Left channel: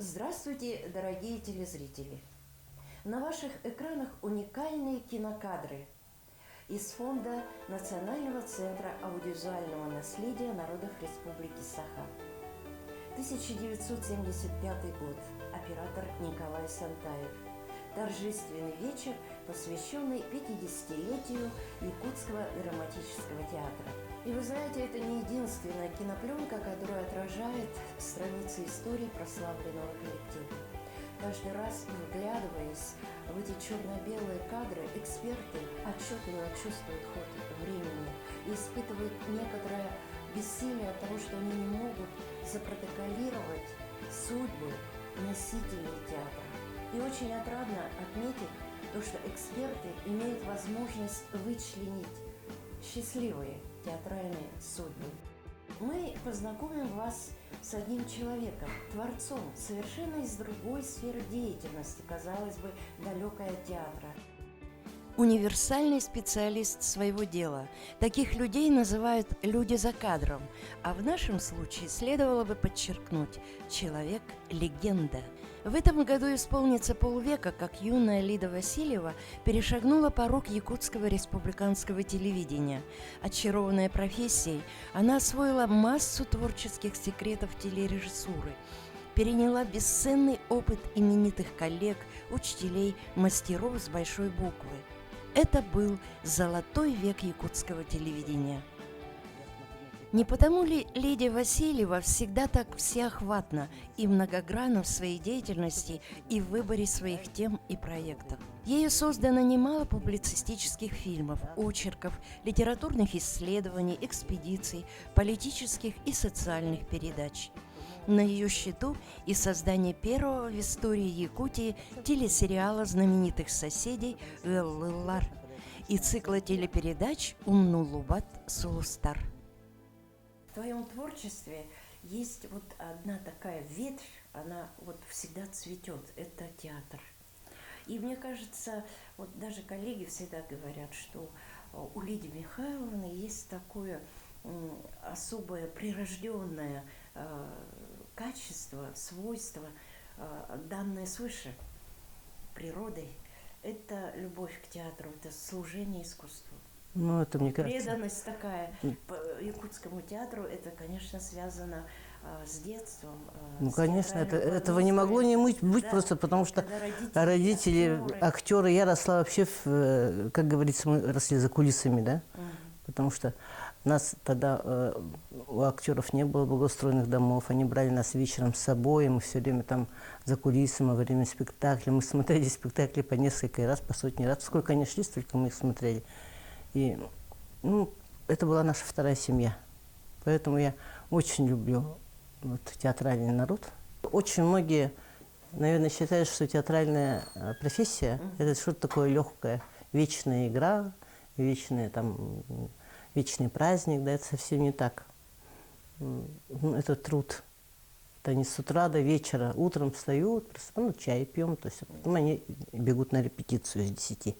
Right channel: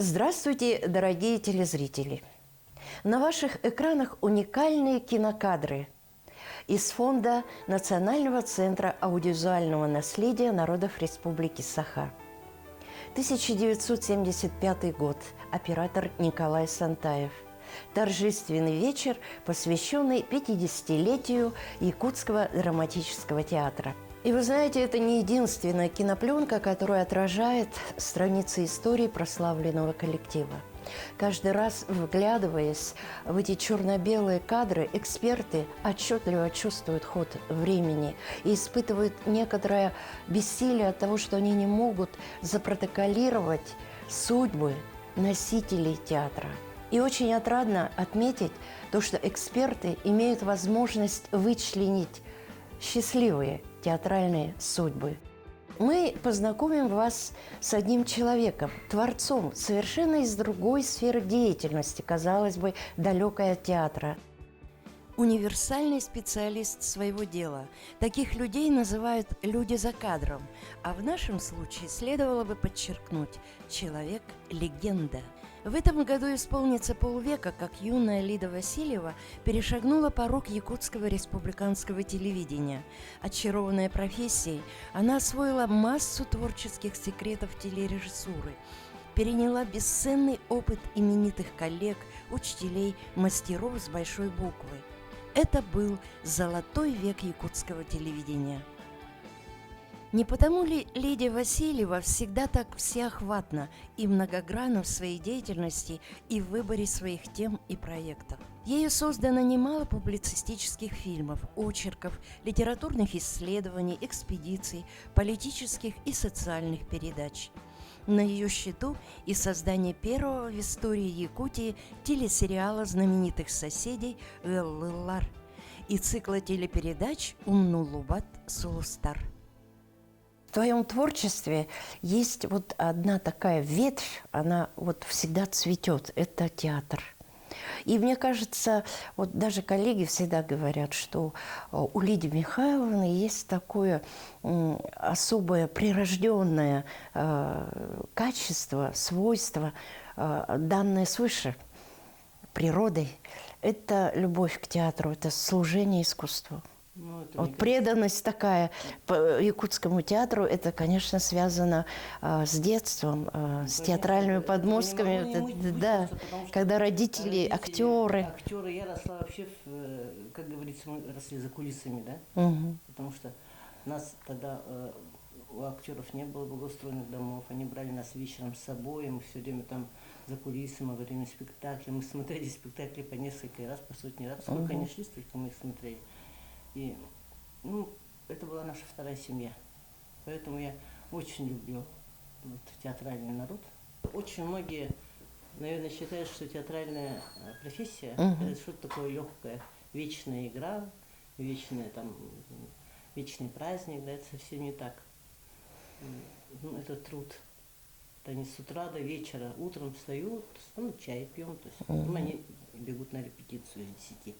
Здравствуйте, дорогие телезрители! На ваших экранах уникальные кинокадры из фонда Национального центра аудиовизуального наследия народов Республики Саха. 1975 год. Оператор Николай Сантаев. Торжественный вечер, посвященный 50-летию Якутского драматического театра. И вы знаете, это не единственная кинопленка, которая отражает страницы истории прославленного коллектива. Каждый раз, вглядываясь в эти черно-белые кадры, эксперты отчетливо чувствуют ход времени и испытывают некоторое бессилие от того, что они не могут запротоколировать судьбы носителей театра. И очень отрадно отметить то, что эксперты имеют возможность вычленить счастливые театральные судьбы. Мы познакомим вас с одним человеком, творцом, совершенно из другой сферы деятельности, казалось бы, далекой от театра. Универсальный специалист своего дела. Таких людей называют «люди за кадром», а в нашем случае следовало бы подчеркнуть «человек-легенда». В этом году исполнится полвека, как юная Лида Васильева перешагнула порог якутского республиканского телевидения. Очарованная профессией, она освоила массу творческих секретов телережиссуры, переняла бесценный опыт именитых коллег, учителей, мастеров с большой буквы. Это был золотой век якутского телевидения. Не потому ли Лидия Васильева всегда так всеохватна и многогранна в своей деятельности и в выборе своих тем и проектов? Ею создано немало публицистических фильмов, очерков, литературных исследований, экспедиций, политических и социальных передач. На ее счету и создание первого в истории Якутии телесериала знаменитых соседей «Эл-Лар» и цикла телепередач «Умнулубат Сулустар». В твоем творчестве есть вот одна такая ветвь, она вот всегда цветет, это театр. И мне кажется, вот даже коллеги всегда говорят, что у Лидии Михайловны есть такое особое прирожденное качество, свойство, данное свыше природой. Это любовь к театру, это служение искусству. Ну, это, вот преданность такая по якутскому театру, это, конечно, связано с детством, с театральными подмостками. Этого не могло не быть да, просто, потому что когда родители актеры, я росла вообще, как говорится, мы росли за кулисами, да, потому что нас тогда, у актеров не было благоустроенных домов, они брали нас вечером с собой, и мы все время там за кулисами во время спектакля, мы смотрели спектакли по несколько раз, по сотни раз, сколько они шли, столько мы их смотрели. И это была наша вторая семья. Поэтому я очень люблю театральный народ. Очень многие, наверное, считают, что театральная профессия это что-то такое легкое. Вечная игра, вечный праздник. Да, это совсем не так. Это труд. Это они с утра до вечера. Утром встают, чай пьем. То есть, они бегут на репетицию с 10.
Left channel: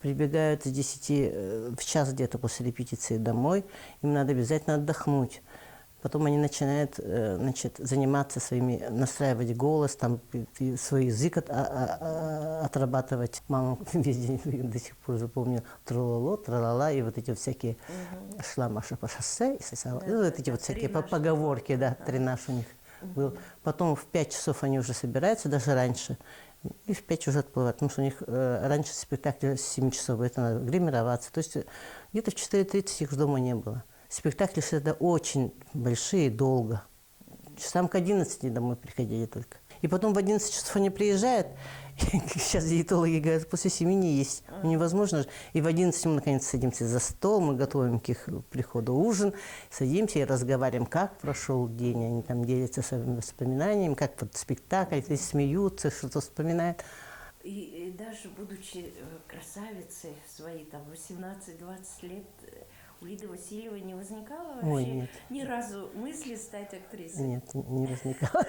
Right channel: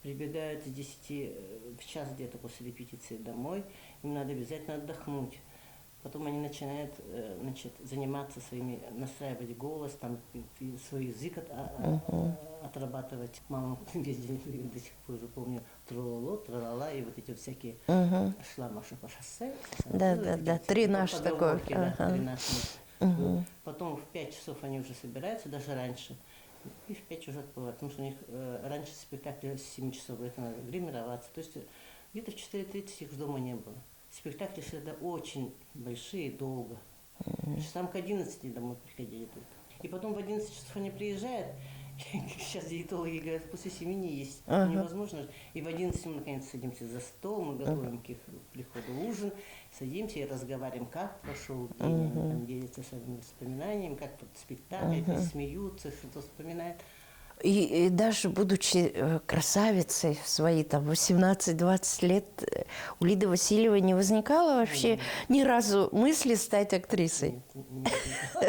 Прибегают с 10 в час где-то после репетиции домой, им надо обязательно отдохнуть. Потом они начинают заниматься настраивать голос, там, свой язык отрабатывать. Мама весь день до сих пор запомнила трололо, тралала, и вот эти всякие шла Маша по шоссе, эти всякие поговорки, три наши. Потом в 5 часов они уже собираются, даже раньше. И в 5 уже отплывают, потому что у них раньше спектакль с 7 часов, это надо гримироваться. То есть где-то в 4:30 их дома не было. Спектакли всегда очень большие, долго. Часам к 11 домой приходили только. И потом в 11 часов они приезжают, сейчас диетологи говорят, после 7 не есть. Невозможно. И в 11 мы наконец садимся за стол, мы готовим к их приходу ужин, садимся и разговариваем, как прошел день. Они там делятся своими воспоминаниями, как вот спектакль, смеются, что-то вспоминают. И даже будучи красавицей в свои 18-20 лет, у Лиды Васильевой не возникало вообще ни разу мысли стать актрисой? Нет, не возникало.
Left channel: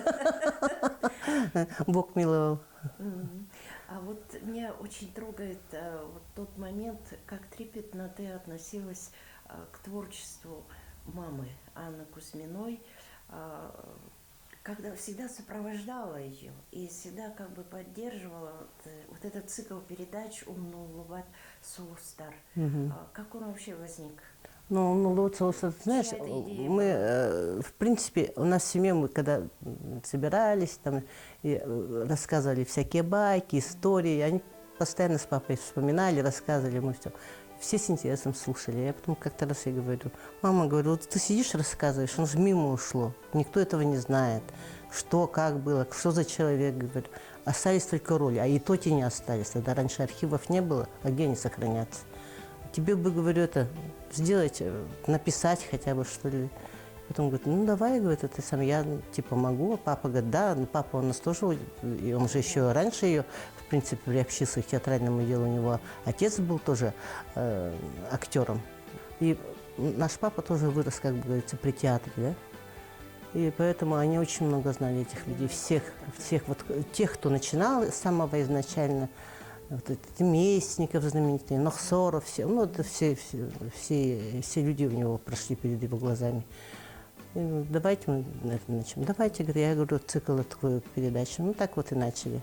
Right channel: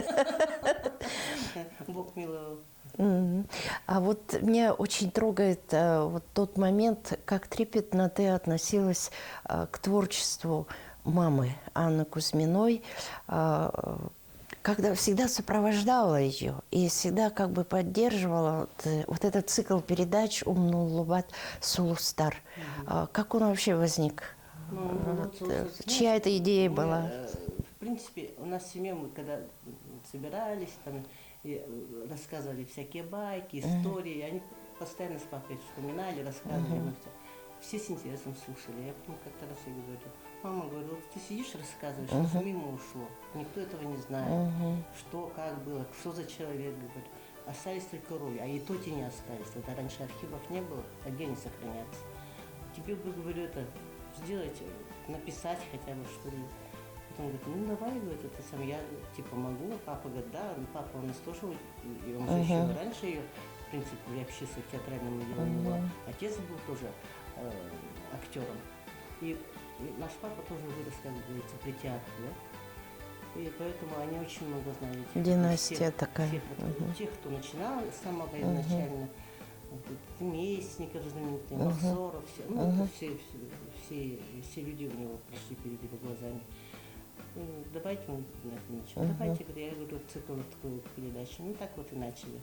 Бог миловал. А вот меня очень трогает вот тот момент, как трепетно ты относилась к творчеству мамы Анны Кузьминой. когда всегда сопровождала ее и всегда как бы поддерживала вот этот цикл передач «Умнуллубат Сулустар». Как он вообще возник? Ну, вот, знаешь, Чья эта идея мы, была? в принципе, у нас в семье, мы когда собирались, там, и рассказывали всякие байки, истории, они постоянно с папой вспоминали, рассказывали, мы все с интересом слушали. Я потом как-то раз я говорю, мама, говорю, вот ты сидишь, рассказываешь, он же мимо ушло, никто этого не знает, что, как было, что за человек, говорю. Остались только роли, а и то те не остались, тогда раньше архивов не было, а где они сохранятся? Тебе бы, говорю, это сделать, написать хотя бы, что ли. Потом говорит, ну давай, говорит, это сам я типа могу. А папа говорит, да, ну, папа у нас тоже, и он же еще раньше ее, в принципе, приобщился к театральному делу. У него отец был тоже актером. И наш папа тоже вырос, как бы говорится, при театре, да. И поэтому они очень много знали этих людей, всех вот, тех, кто начинал с самого изначально. Вот это Местников знаменитый, Нохсоров, все, ну, это все люди у него прошли перед его глазами. И, ну, давайте мы на это начнем. Давайте, говорю, я говорю, цикл открою передачу. Ну, так вот и начали.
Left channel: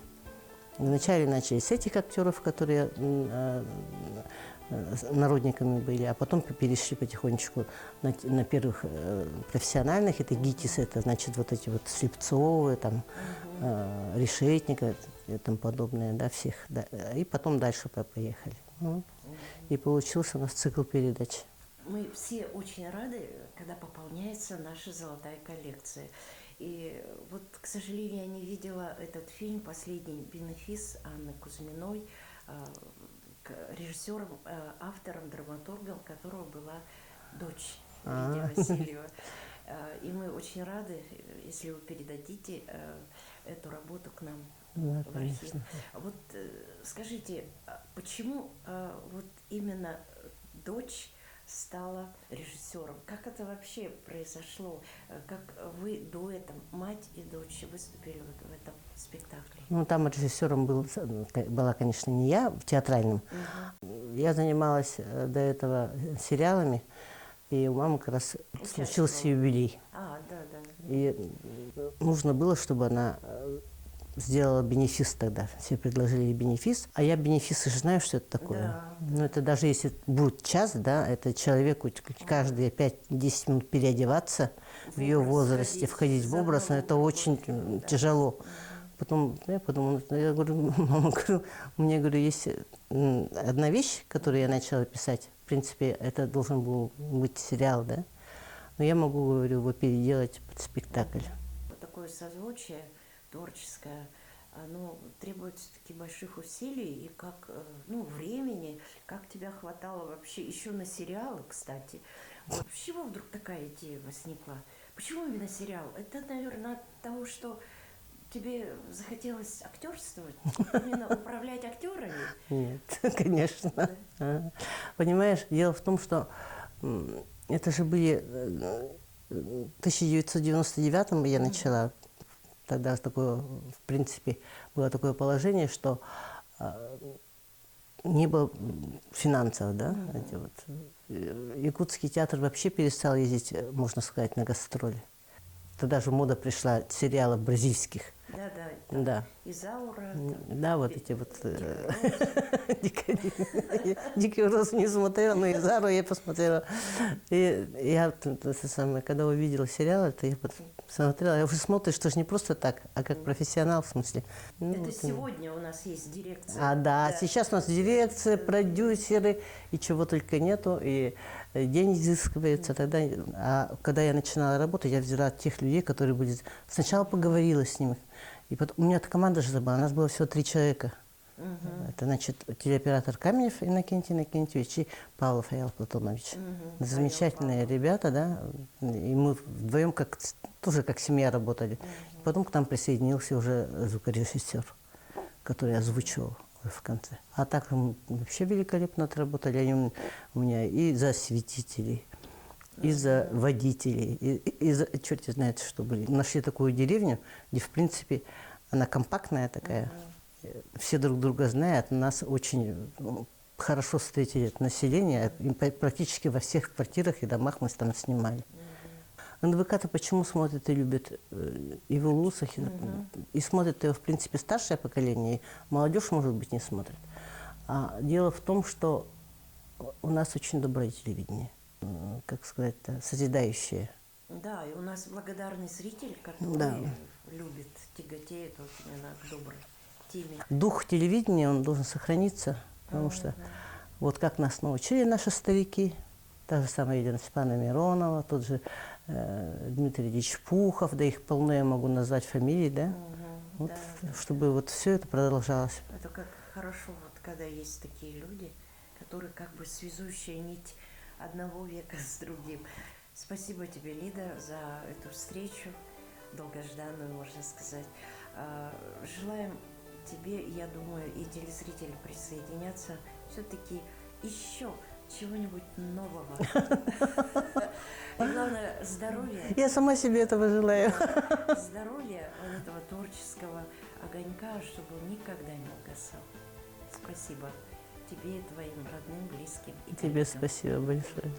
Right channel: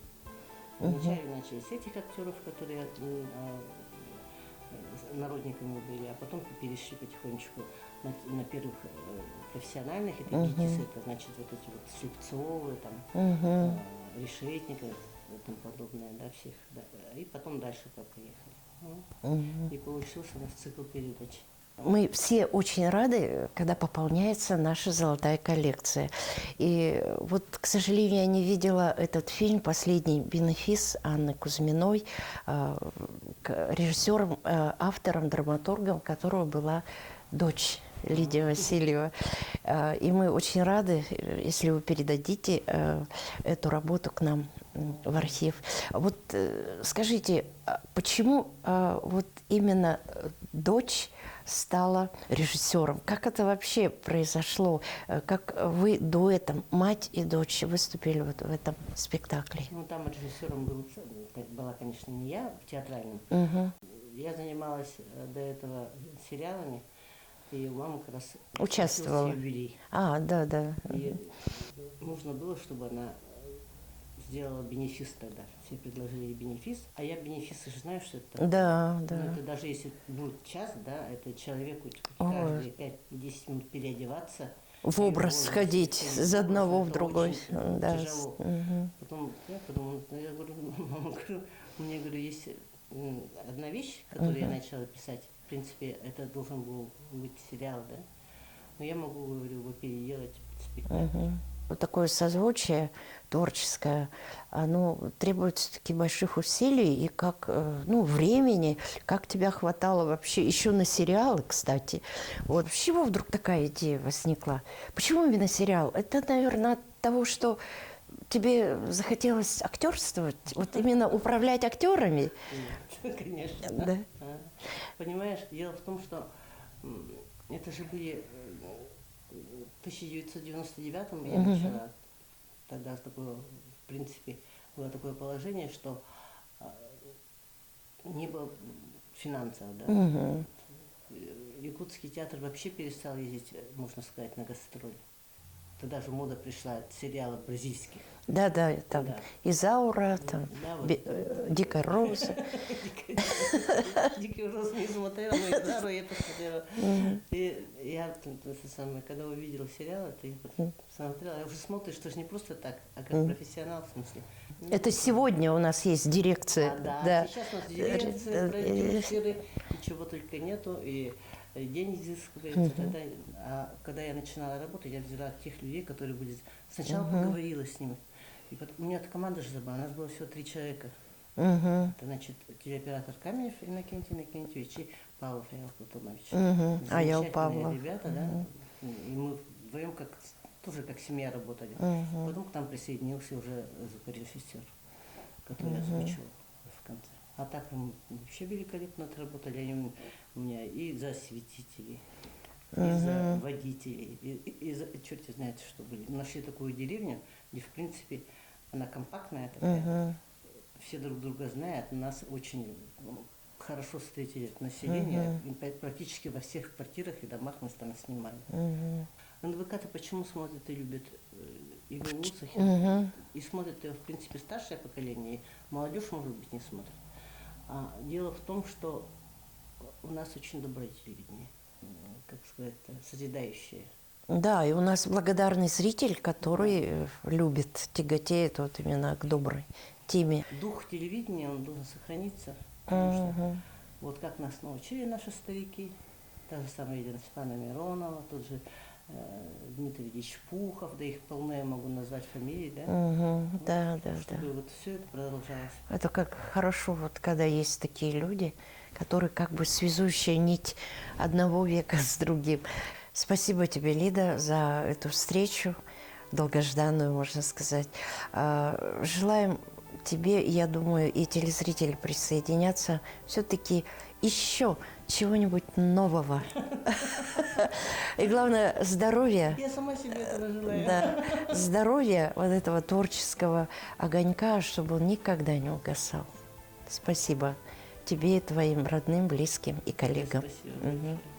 Вначале начали с этих актеров, которые народниками были, а потом перешли потихонечку на первых профессиональных. Это ГИТИС, это значит вот эти вот Слепцовы, там, Решетника и тому подобное, да, всех. Да. И потом дальше поехали. И получился у нас цикл передач. Мы все очень рады, когда пополняется наша золотая коллекция. И вот, к сожалению, я не видела этот фильм «Последний бенефис» Анны Кузьминой, режиссером, автором, драматургом которого была дочь Лидия Васильева. И мы очень рады, если вы передадите эту работу к нам в архив. Вот скажите, почему вот именно дочь стала режиссером? Как это вообще произошло? Как вы дуэтом, мать и дочь, выступили вот в этом спектакле? Ну, там режиссером была, конечно, не я, в театральном. Я занималась до этого сериалами, и у мамы как раз случился юбилей. Да. И нужно было, чтобы она сделала бенефис тогда. Все предложили ей бенефис. А я бенефисы же знаю, что это такое. Да. Но это даже если будет час, да, это человеку каждые 5-10 минут переодеваться, в образ входить в образ, это очень тяжело. Потом я подумала, я говорю, мама, мне, говорю, есть одна вещь, которую я начала писать. В принципе, это должен был быть сериал, да? Но я могу, говорю, его переделать под спектакль. Вот такое созвучие творческое, оно требует все-таки больших усилий и как, времени, как тебя хватало вообще еще на сериалы, кстати. Вот с чего вдруг такая идея возникла? Почему именно сериал? Это, наверное, от того, что тебе захотелось актерствовать, вот именно управлять актерами? Нет, конечно. Да. Понимаешь, дело в том, что это же были в 1999-м я начала. Тогда такое, в принципе, было такое положение, что не было финансов, да. Якутский театр вообще перестал ездить, можно сказать, на гастроли. Тогда же мода пришла сериалов бразильских. Да, там да. Изаура, там, да, вот эти вот. Дикая роза. Дикую розу не смотрела, но Изауру я посмотрела. И я, когда увидела сериал, это я посмотрела, я уже смотришь, что же не просто так, а как профессионал, в смысле. Это сегодня у нас есть дирекция. Да, сейчас у нас дирекция, продюсеры, и чего только нету, и день изыскивается. Тогда, когда я начинала работать, я взяла тех людей, которые будут... Сначала поговорила с ними. И потом, у меня команда же была, у нас было всего 3 человека. Это, значит, телеоператор Каменев Иннокентий Иннокентьевич и Павлов Аял Платонович. Замечательные ребята, да. И мы вдвоем тоже как семья работали. Потом к нам присоединился уже звукорежиссер, который озвучивал в конце. А так вообще великолепно отработали. Они у меня и за осветителей, и за водителей, и за черт знает что были. Нашли такую деревню, где, в принципе, она компактная такая. Все друг друга знают. Нас очень хорошо встретили население. И практически во всех квартирах и домах мы там снимали. НВК-то почему смотрят и любят Иву Лусахи? И смотрят его, в принципе, старшее поколение, и молодежь, может быть, не смотрит. А дело в том, что у нас очень доброе телевидение, как сказать-то, созидающее. Да, и у нас благодарный зритель, который любит, тяготеет вот именно к доброй теме. Дух телевидения, он должен сохраниться, потому что вот как нас научили наши старики, та же самая Елена Степановна Миронова, тот же Дмитрий Ильич Пухов, да их полно я могу назвать фамилии, да? Вот, да, чтобы вот все это продолжалось. Это как хорошо, вот когда есть такие люди, которые как бы связующая нить одного века с другим. Спасибо тебе, Лида, за эту встречу, долгожданную, можно сказать. Желаем тебе, я думаю, и телезрители присоединятся, все-таки еще чего-нибудь нового. И главное, здоровья. Я сама себе этого желаю. Да, здоровья вот этого творческого огонька, чтобы он никогда не угасал. Спасибо тебе, твоим родным, близким и Тебе коллегам. спасибо большое.